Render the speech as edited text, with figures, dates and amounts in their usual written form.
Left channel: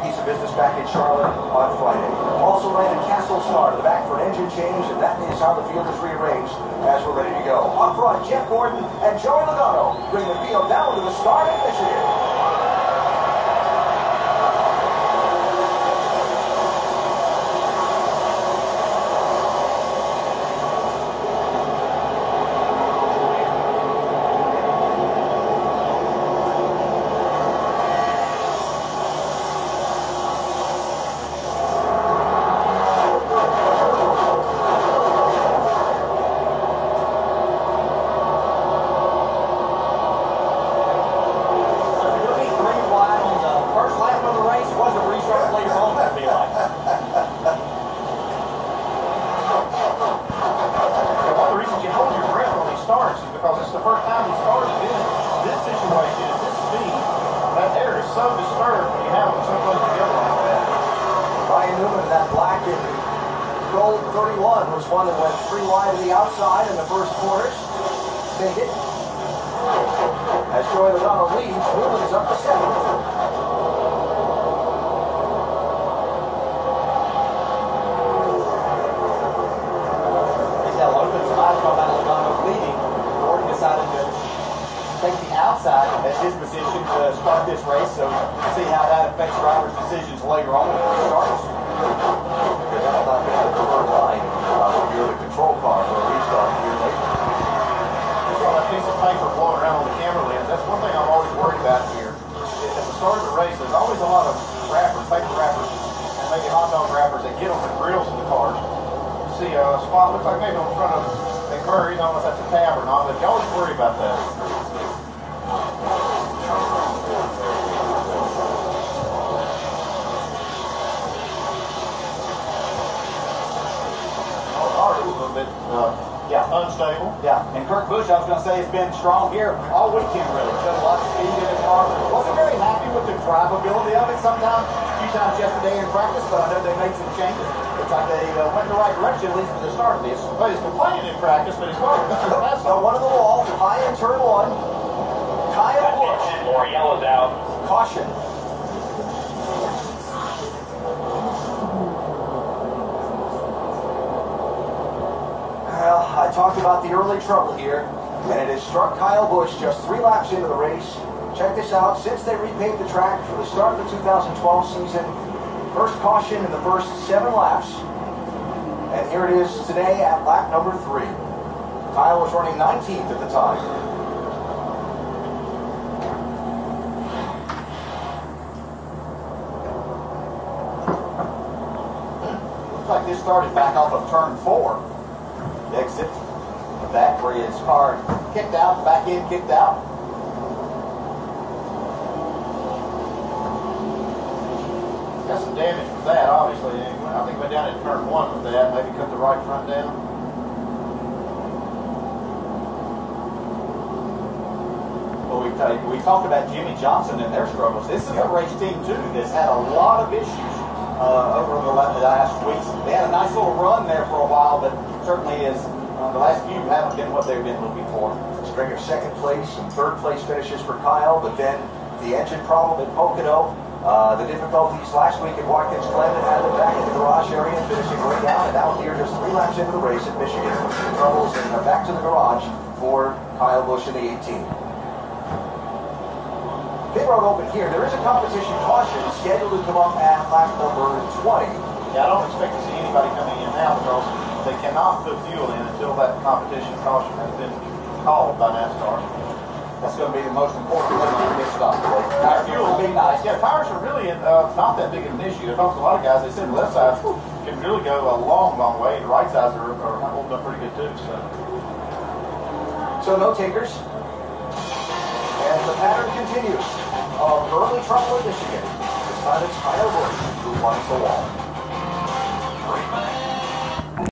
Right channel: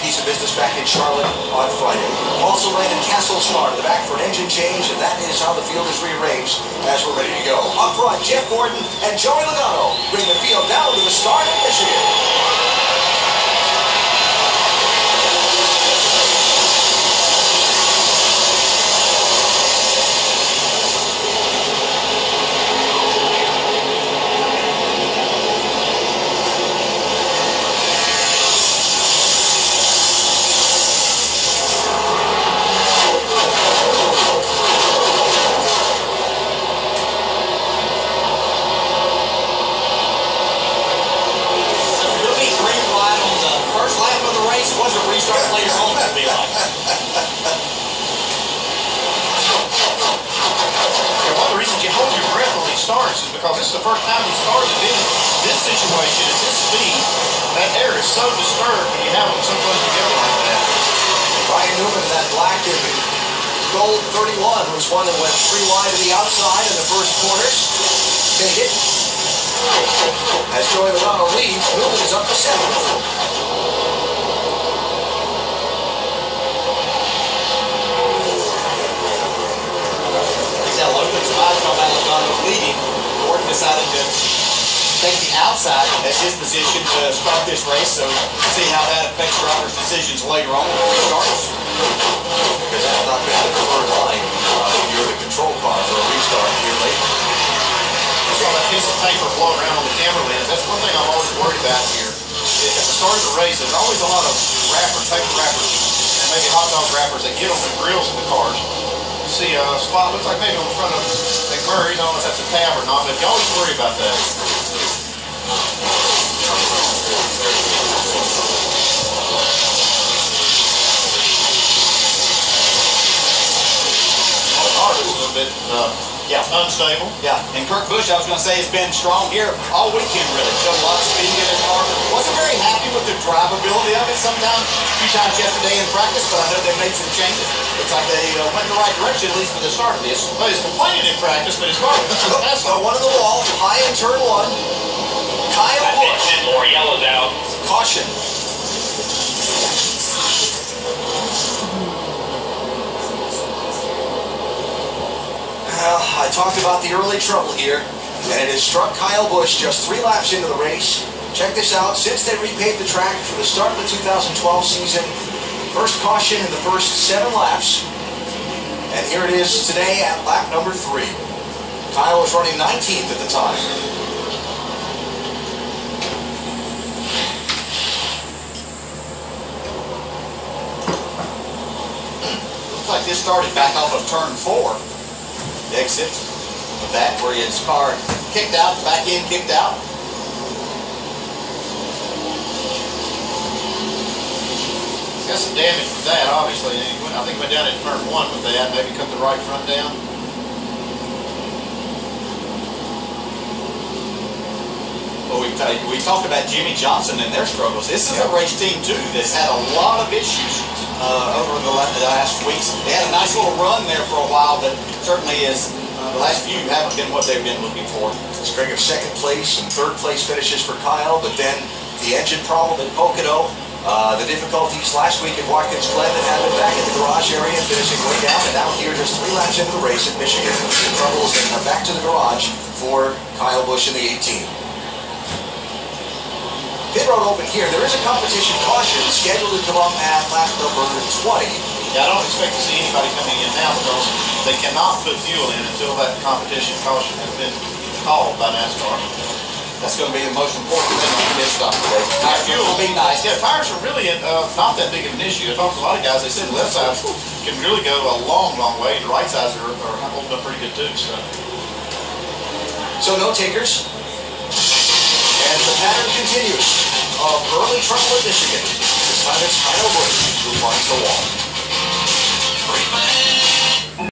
piece of business back in Charlotte on Friday. Also Landon Castle started the back for an engine change, and that is how the field is rearranged as we're ready to go. Up front, Jeff Gordon and Joey Logano bring the field down to the start of Michigan. Wasn't restart later on, it'd be like. One of the reasons you hold your breath when he starts is because it's the first time he started in this situation at this speed. That air is so disturbed when you have them so close together like that. Ryan Newman in that black and gold 31 was one that went 3 wide to the outside in the first quarters. Take it. As Joey Logano leads, Newman is up to 7th. Leading, Gordon decided to take the outside as his position to start this race, so see how that affects drivers' decisions later on when he starts. Because that's not been the preferred line if you're the control car for a restart here late. I saw that piece of paper blowing around on the camera lens. That's one thing I'm always worried about here. At the start of the race, there's always a lot of wrappers, paper wrappers, and maybe hot dog wrappers that get on the grills of the cars. You see a spot, looks like maybe on the front of McMurray's. I don't know if that's a tab or not, but you always worry about that. Oh, it's a little bit unstable. Yeah, and Kurt Busch, I was going to say, has been strong here all weekend, really. Showed a lot of speed in his car. Wasn't very happy with the drivability of it sometimes, a few times yesterday in practice, but I know they made some changes. Looks like they went in the right direction, at least for the start of this. Well, he's complaining in practice, but his car was one in the wall, high in turn 1. Kyle Busch. More yellows out. Caution. Well, I talked about the early trouble here, and it has struck Kyle Busch just 3 laps into the race. Check this out. Since they repaved the track for the start of the 2012 season, first caution in the first 7 laps. And here it is today at lap number 3. Kyle was running 19th at the time. Looks like this started back off of turn 4. The exit of that where his car kicked out, back end kicked out. He's got some damage with that, obviously. I think he went down at turn 1 with that, maybe cut the right front down. Well, we talked about Jimmy Johnson and their struggles. This is a race team, too, that's had a lot of issues over the last weeks. They had a nice little run there for a while, but certainly the last few haven't been what they've been looking for. A string of 2nd place and 3rd place finishes for Kyle, but then the engine problem at Pocono, the difficulties last week at Watkins Glen that happened back in the garage area, finishing way down, and now here just 3 laps into the race at Michigan. Troubles and back to the garage for Kyle Busch in the 18. Pit road open here. There is a competition caution scheduled to come up at lap number 20. Yeah, I don't expect to see anybody coming in now because they cannot put fuel in until that competition caution has been called by NASCAR. That's going to be the most important thing on the pit stop today. Fuel will be nice. Yeah, tires are really not that big of an issue. I talked to a lot of guys. They said the left sides can really go a long, long way. The right sides are holding up pretty good too. So no takers. And the pattern continues of early trouble at Michigan. This time it's Kyle Busch who finds the wall.